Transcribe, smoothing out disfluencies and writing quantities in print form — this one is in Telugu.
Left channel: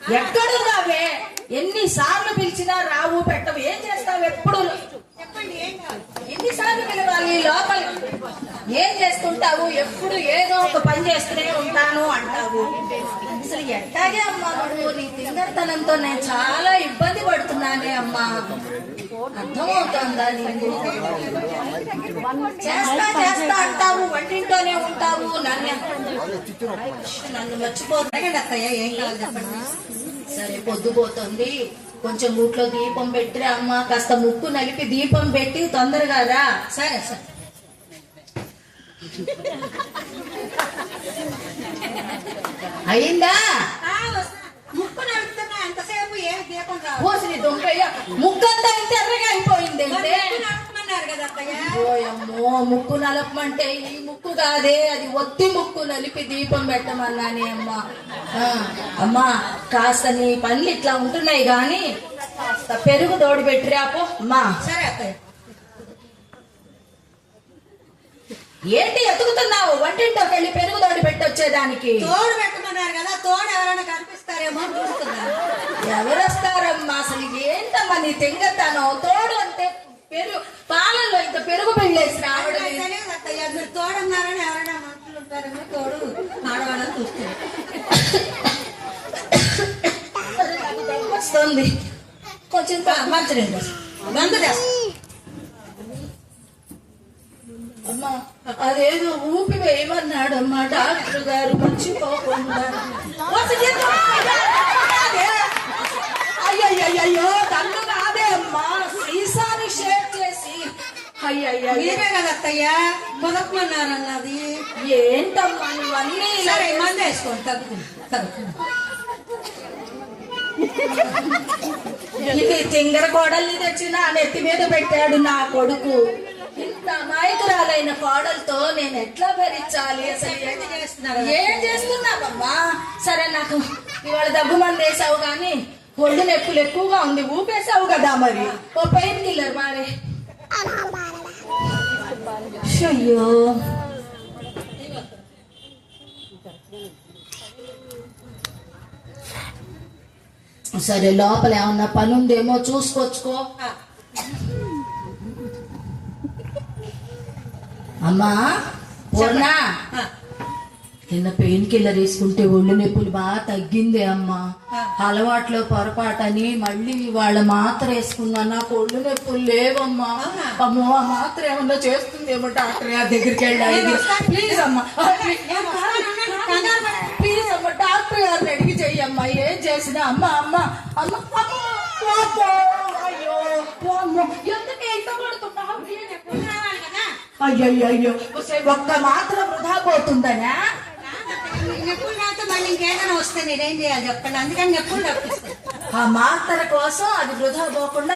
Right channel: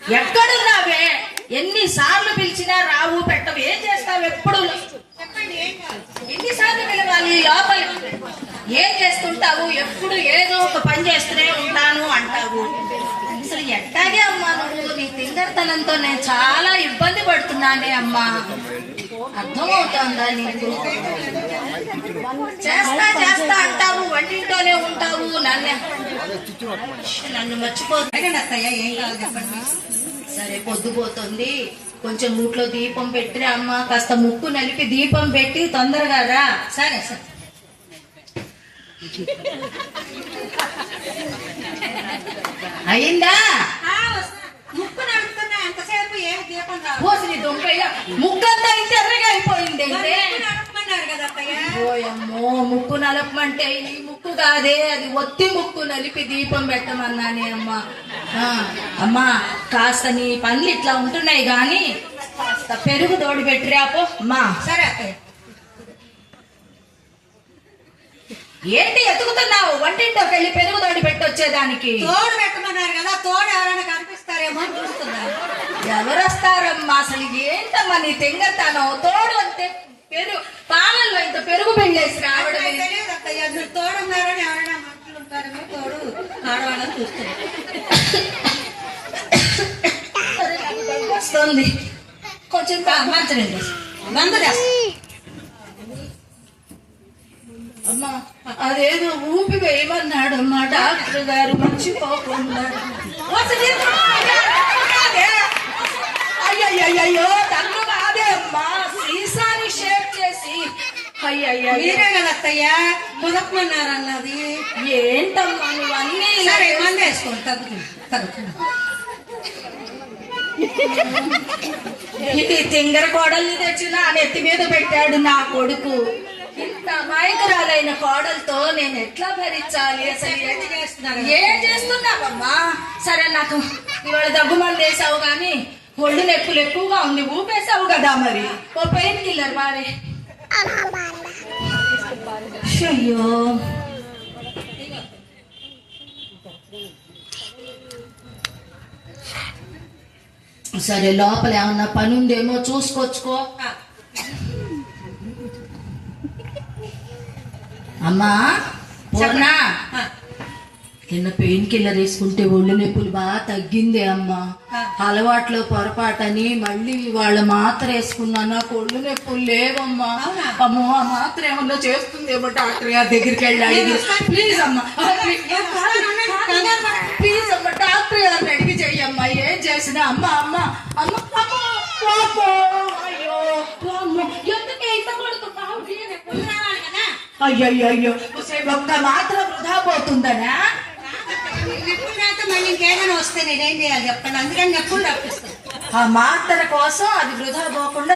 ఎక్కడున్నావే? ఎన్నిసార్లు పిలిచినా రావు, పెట్టవు. ఏం చేస్తావు? ఎప్పుడు ఎన్నిసార్లు పిలవాలి లోపల? ఏం చేస్తుంటావు? ఎప్పుడు ఏదో ఒక పని చేస్తూనే ఉంటాను అంటావు. అసలు ఎట్టాగే అమ్మా నువ్వు? నీ తింగర్తనంతో నేను చాలా ఇబ్బంది పడుతున్నానే అమ్మా. అర్థమవుతుందా నీకు? చేస్తా చేస్తా అంటావు, వంటింట్లోనే ఉంటావు. నన్ను మర్చిపోతాయి అత్తయ్య. ఏం కావాలి చెప్పండి. సరే, పొద్దుపోతుంది, కొంచెం ఊట్లో దీపం పెట్టి అమ్మ. కాస్త ముక్కు నలిపి దీపం పెట్టి తొందరగా రా. సరే సరే. అయిందా? ముక్కు నలుపుతున్నా ఎంతసేపు? ఏ దీపం పోసి దొంగయ్య ముక్కంతా ఇంత ఎర్రగా అయిపోయింది. కదా అత్తయ్య. ఓయమ్మో, ముక్కు నలపమంటే ఈ ముక్కు కాదే, అది ఒత్తి ముక్కు నలిపి దీపం పెట్టమన్నానే అమ్మా. అమ్మా, కాస్త నీ పనులు ఇట్లా ఉంటున్నాయి గాని కాస్త పెరుగు తోడు పెట్టిరాపో అమ్మా. సరే అత్తయ్య. ఏంటి ఎతుకుతున్నావు? వంటింట్లోకి వెళ్ళి పెరుగు తోడు పెట్టొచ్చేదానికి. తోడు పెట్టమన్నారు కదా, తోడు ఎవరైనా కనిపిస్తారేమో చూస్తున్నారు. ఎవరు వస్తారమ్మా? అసలు ఏంటమ్మా నీ తెంగతాను? తోడు అంటే పెరుగు, పాలల్లో ఇంత పెరుగు పెళ్ళేసి ఆవిడ తెలియదు అత్తయ్య. మీరు తోడన్నారని ఎవరైనా మనుషులు ఉంటారేమో, తోడు ఆడవాళ్ళని చూస్తారు. వస్తుంది కొంచెం మంచినీళ్ళు బంద్ చేస్తా. అమ్మా, అదేదో ఊపి వేయమన్నాడు అమ్మా డాక్టర్ గారు, మర్చిపోకుండా. అయ్యయ్యో, తల్లు కాదే అమ్మా, సీసాని షేక్ చేసి. అయ్యయ్యో, మీరే కదా అత్తయ్య కుదపమన్నారు అన్నది. ఏంటమ్మా నువ్వన్నీ? సరే, మంది వేసుకోండి, తగ్గుతుంది. ఇది తింగర కోడల్ని తెచ్చి నా నెత్తి మీద పెట్టాడు నా కొడుకు. ఇంత అమాయకురాలైన కోడలతో నేను ఎట్లా భరించాలి? అసలు ఏం చేస్తున్నావమ్మా? సరే, నాకు ఇవాళ దగ్గు మంది వేసావు కానీ ఒళ్ళు నొప్పులు ఎక్కువగా ఉంది. ఊపేసావు కదా మరి. ఓ పెయిన్ కిల్లర్ వాడే. అయ్యో, సరే, లోపల ఏమన్నా పని ఉందేమో చూసుకొచ్చుకో. అమ్మా పూర్ణ, నిన్న పెయిన్ కిల్లర్ వేసుకుంటే ఒళ్ళు నొప్పులు బాగా తగ్గింది అమ్మా. అలవాట్లో పొరపాటని మళ్ళీ వాళ్ళ మాత్ర వేసుకున్నా, నాకు ఒళ్ళు నొప్పులు లేవమ్మా. అమ్మో, ఆ మాత్ర ఏమన్నా చేస్తుందేమో డాక్టర్ గారి దగ్గరికి వెళ్ళాలి. ప్లీజ్ అమ్మా, ప్లీజ్ అమ్మా, డాక్టర్ గారిని అడిగి చెయ్యమ్మా. ఏం చేసినా అమ్మ అమ్మ అమ్మ. అయ్యో, ఎందుకే ఇంత కొడుతున్నావు? అయ్యో, ఒక్క మాత్రం వృధా పోతుందనా? ఎప్పుడు రాతే మళ్ళీ ఇంకేదైనా వస్తే నేనేం చేయాలి చెప్పండి. అందుకని ఎప్పుడు రప్పిస్తాను. ఆ మాత్ర కోసం అది వృధా పోకుండా